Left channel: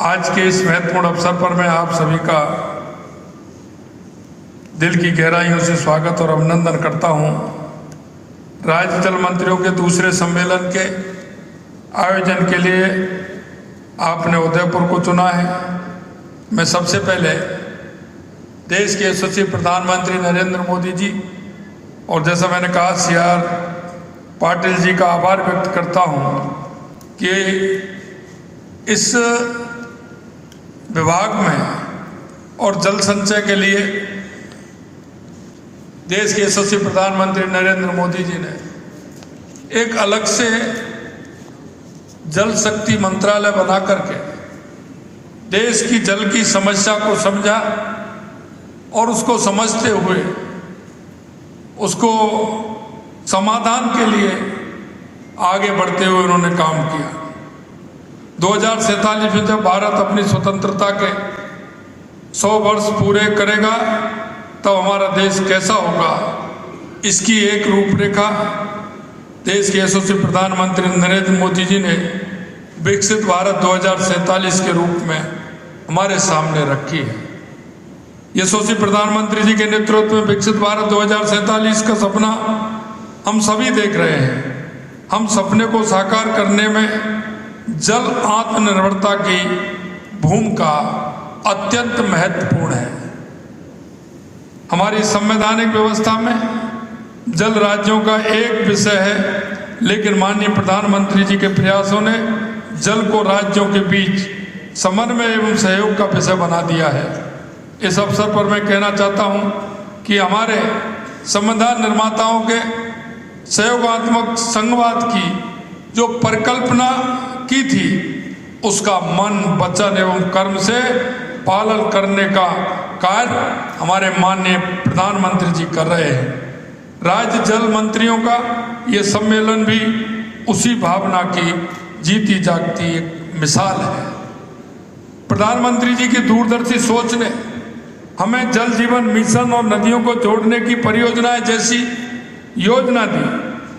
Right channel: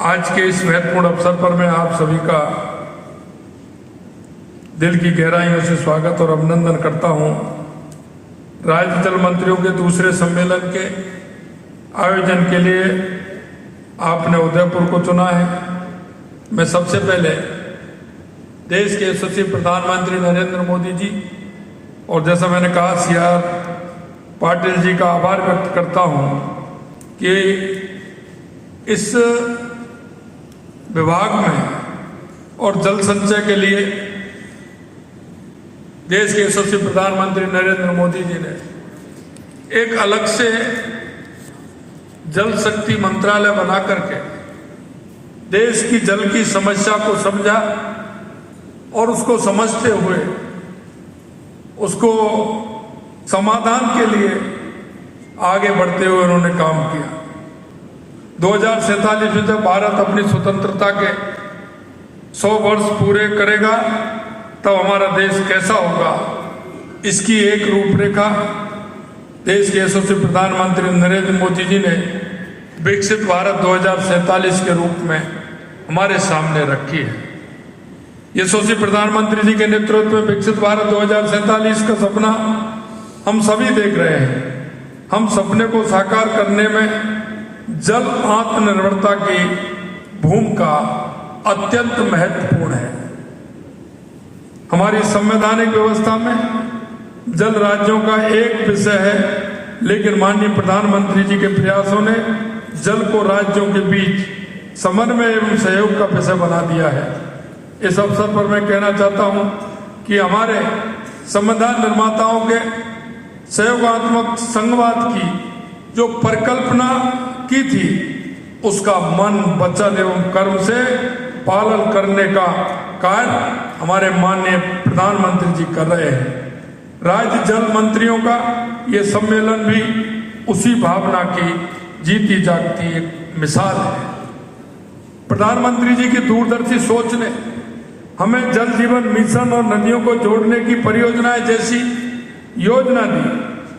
आज के इस महत्वपूर्ण अवसर पर मैं आप सभी का दिल की गहराइयों से स्वागत और अभिनंदन करता हूं। राज्य जल मंत्रियों के दूसरे सम्मेलन के आयोजन के लिए आपने उदयपुर को चुना है। मैं सबसे पहले देश के यशस्वी प्रधानमंत्री नरेंद्र मोदी जी और जैसा मैंने कहा CR पाटिल जी का आभार व्यक्त करता हूं कि इस विभाग में और जल संचय के लिए देश के यशस्वी प्रधानमंत्री नरेंद्र मोदी जी ने एक अलग से जल शक्ति मंत्रालय बना करके देश की जल की समस्या को समझा और उसको समझते हुए उसको समाधान के लिए आगे बढ़ते हुए उन्होंने काम किया। 2047 में जब भारत अपनी स्वतंत्रता के 100 वर्ष पूरे करेगा तब हमारा देश कैसा होगा, इसकी एक रूपरेखा देश के यशस्वी प्रधानमंत्री नरेंद्र मोदी जी ने विकसित भारत 2047 के रूप में हमारे सामने रखी है। यशस्वी प्रधानमंत्री जी के नेतृत्व में विकसित भारत 2047 का सपना हम सभी देख रहे हैं। हम सपने को साकार करने में जल आत्मनिर्भरता की भूमिका अत्यंत महत्वपूर्ण है। हमारी संवैधानिक व्यवस्था में जल राज्यों का एक विषय है, लेकिन माननीय प्रधानमंत्री जी के प्रयासों ने जल को राज्यों के बीच समन्वय एवं सहयोग का विषय बना दिया है। इस अवसर पर मैं कहना चाहता हूं कि हमारे संविधान निर्माताओं के सहयोगात्मक संघवाद की जो परिकल्पना की थी उसका मन, वचन एवं कर्म से पालन करने का कार्य हमारे माननीय प्रधानमंत्री जी कर रहे हैं। राज्य जल मंत्रियों का ये सम्मेलन भी उसी भावना की जीती जागती एक मिसाल है। प्रधानमंत्री जी की दूरदर्शी सोच ने हमें जल जीवन मिशन और नदियों को जोड़ने की परियोजनाएं जैसी योजना दी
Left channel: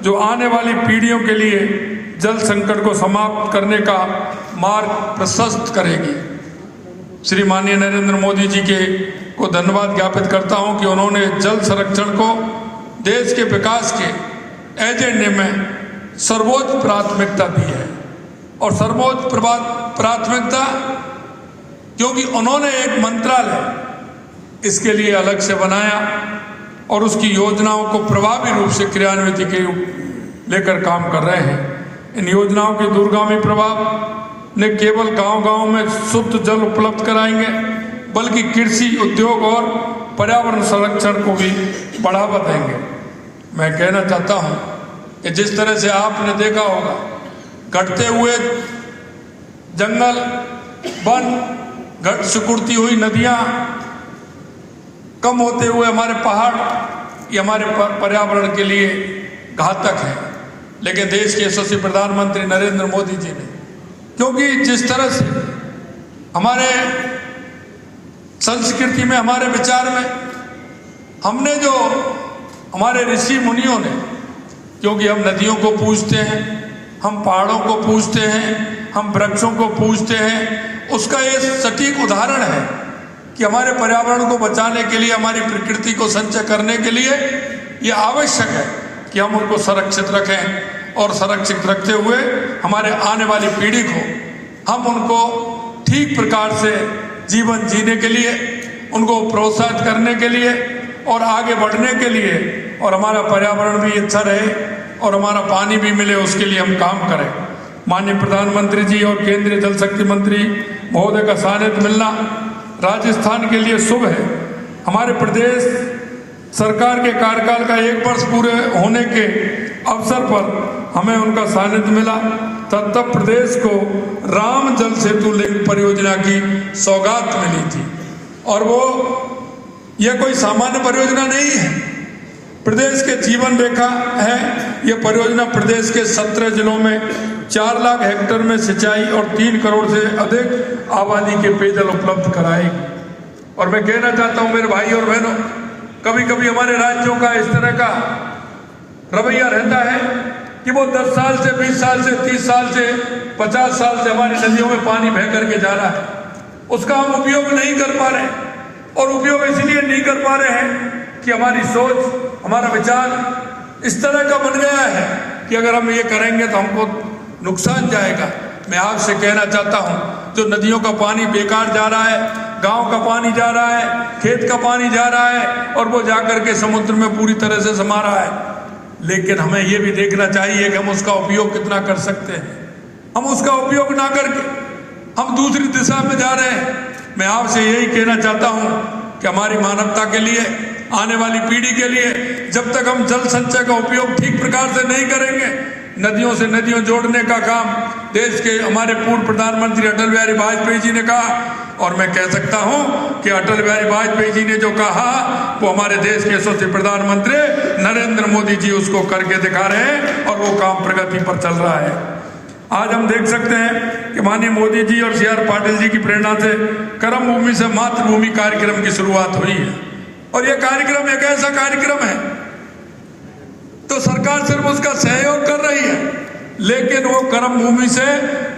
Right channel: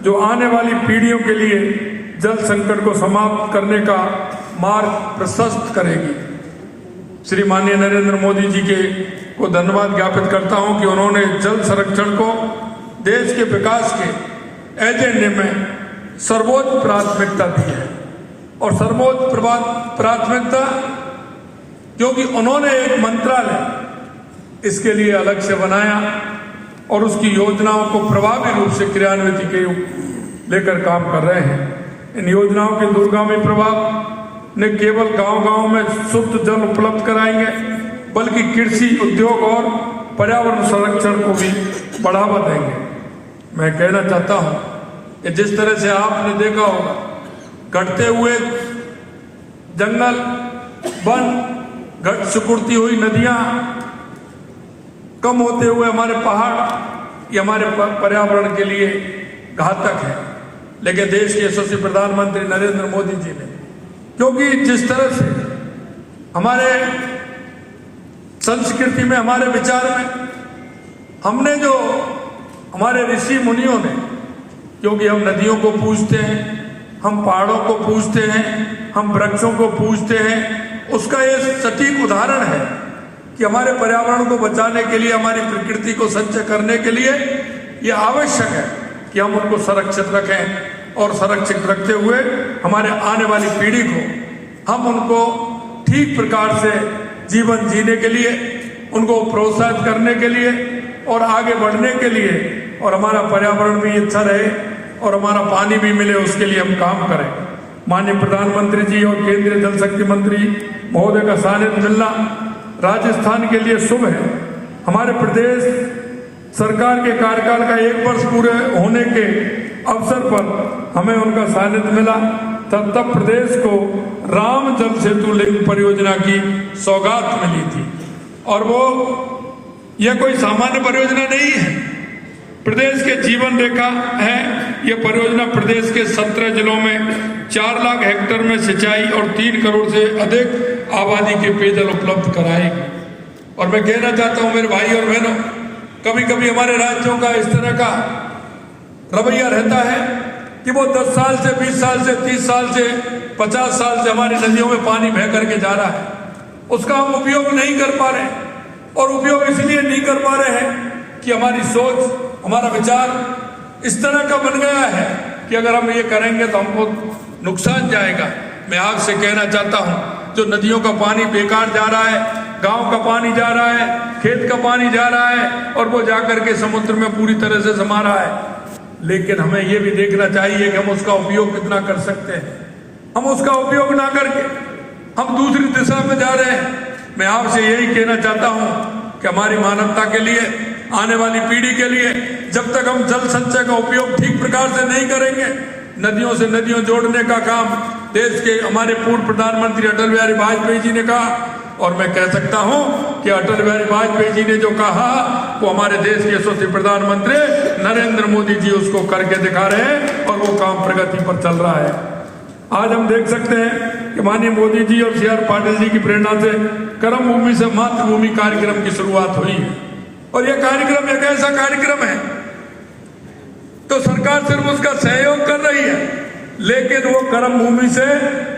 जो आने वाली पीढ़ियों के लिए जल संकट को समाप्त करने का मार्ग प्रशस्त करेगी। श्री माननीय नरेंद्र मोदी जी को धन्यवाद ज्ञापित करता हूं कि उन्होंने जल संरक्षण को देश के विकास के एजेंडे में सर्वोच्च प्राथमिकता दी है। और सर्वोच्च प्राथमिकता क्योंकि उन्होंने एक मंत्रालय इसके लिए अलग से बनाया और उसकी योजनाओं को प्रभावी रूप से क्रियान्वित के लेकर काम कर रहे हैं। इन योजनाओं के दूरगामी प्रभाव ने केवल गांव-गांव में शुद्ध जल उपलब्ध कराएंगे, बल्कि कृषि, उद्योग और पर्यावरण संरक्षण को भी बढ़ावा देंगे। मैं कहना चाहता हूं कि जिस तरह से आपने देखा होगा घटते हुए जंगल, वन, सिकुड़ती हुई नदियां, कम होते हुए हमारे पहाड़, ये हमारे पर्यावरण के लिए घातक है। लेकिन देश के यशस्वी प्रधानमंत्री नरेंद्र मोदी जी ने, क्योंकि जिस तरह से हमारे संस्कृति में, हमारे विचार में हमने जो हमारे ऋषि मुनियों ने, क्योंकि हम नदियों को पूजते हैं, हम पहाड़ों को पूजते हैं, हम वृक्षों को पूजते हैं, उसका ये सटीक उदाहरण है कि हमारे पर्यावरण को बचाने के लिए, हमारी प्रकृति को संचय करने के लिए ये आवश्यक है कि हम उनको संरक्षित रखें और संरक्षित रखते हुए हमारे आने वाली पीढ़ी को हम उनको ठीक प्रकार से जीवन जीने के लिए, उनको प्रोत्साहित करने के लिए और आगे बढ़ने के लिए, और हमारा पर्यावरण भी अच्छा रहे और हमारा पानी भी मिले, उसके लिए हम काम करें। माननीय प्रधानमंत्री जी और केंद्रीय जल शक्ति मंत्री महोदय का सानिध्य मिलना राजस्थान के लिए शुभ है। हमारे प्रदेश सरकार के कार्यकाल का 1 वर्ष पूरे होने के अवसर पर हमें उनका सानिध्य मिला। तब प्रदेश को राम जल सेतु लिंक परियोजना की सौगात मिली थी और वो यह कोई सामान्य परियोजना नहीं है, प्रदेश के जीवन रेखा है। यह परियोजना प्रदेश के 17 जिलों में 4 लाख हेक्टेयर में सिंचाई और 3 करोड़ से अधिक आबादी के पेयजल उपलब्ध कराएगी। और मैं कहना चाहता हूं मेरे भाई और बहनों, कभी कभी हमारे राज्यों का इस तरह का रवैया रहता है कि वो 10 साल से, 20 साल से, 30 साल से 50 साल से हमारी नदियों में पानी बह करके जा रहा है, उसका हम उपयोग नहीं कर पा रहे हैं। और उपयोग इसलिए नहीं कर पा रहे हैं कि हमारी सोच, हमारा विचार इस तरह का बन गया है कि अगर हम ये करेंगे तो हमको नुकसान जाएगा। मैं आपसे कहना चाहता हूं, जो नदियों का पानी बेकार जा रहा है, गांव का पानी जा रहा है, खेत का पानी जा रहा है और वो जाकर के समुद्र में पूरी तरह से समा रहा है, लेकिन हमें ये भी देखना चाहिए कि हम उसका उपयोग कितना कर सकते हैं। हम उसका उपयोग ना करके हम दूसरी दिशा में जा रहे हैं। मैं आपसे यही कहना चाहता हूं कि हमारी मानवता के लिए, आने वाली पीढ़ी के लिए, जब तक हम जल संचय का उपयोग ठीक प्रकार से नहीं करेंगे, नदियों से नदियों जोड़ने का काम देश के हमारे पूर्व प्रधानमंत्री अटल बिहारी वाजपेयी जी ने कहा, और मैं कह सकता हूं कि अटल बिहारी वाजपेयी जी ने जो कहा वो हमारे देश के यशस्वी प्रधानमंत्री नरेंद्र मोदी जी उसको करके दिखा रहे हैं और वो काम प्रगति पर चल रहा है। आज हम देख सकते हैं कि माननीय मोदी जी और CR पाटिल जी की प्रेरणा से कर्म भूमि से मातृभूमि कार्यक्रम की शुरुआत हुई है। और यह कार्यक्रम एक ऐसा कार्यक्रम है तो सरकार सिर्फ उसका सहयोग कर रही है, लेकिन वो कर्म भूमि से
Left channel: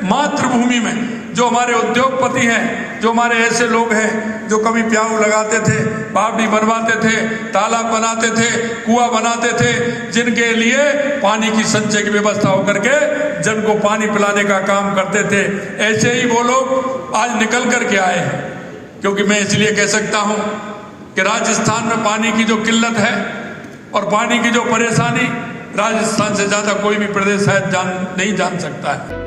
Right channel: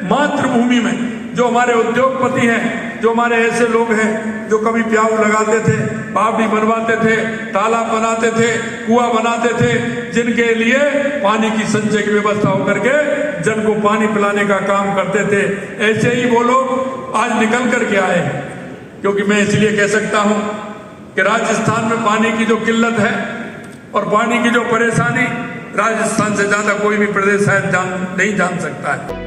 मातृभूमि में जो हमारे उद्योगपति हैं, जो हमारे ऐसे लोग हैं जो कभी प्याऊ लगाते थे, बावड़ी बनवाते थे, तालाब बनाते थे, कुआं बनाते थे, जिनके लिए पानी की संचय की व्यवस्था होकर के जन को पानी पिलाने का काम करते थे, ऐसे ही वो लोग आज निकल करके आए हैं। क्योंकि मैं इसलिए कह सकता हूं कि राजस्थान में पानी की जो किल्लत है और पानी की जो परेशानी, राजस्थान से ज्यादा कोई भी प्रदेश शायद नहीं जान सकता है।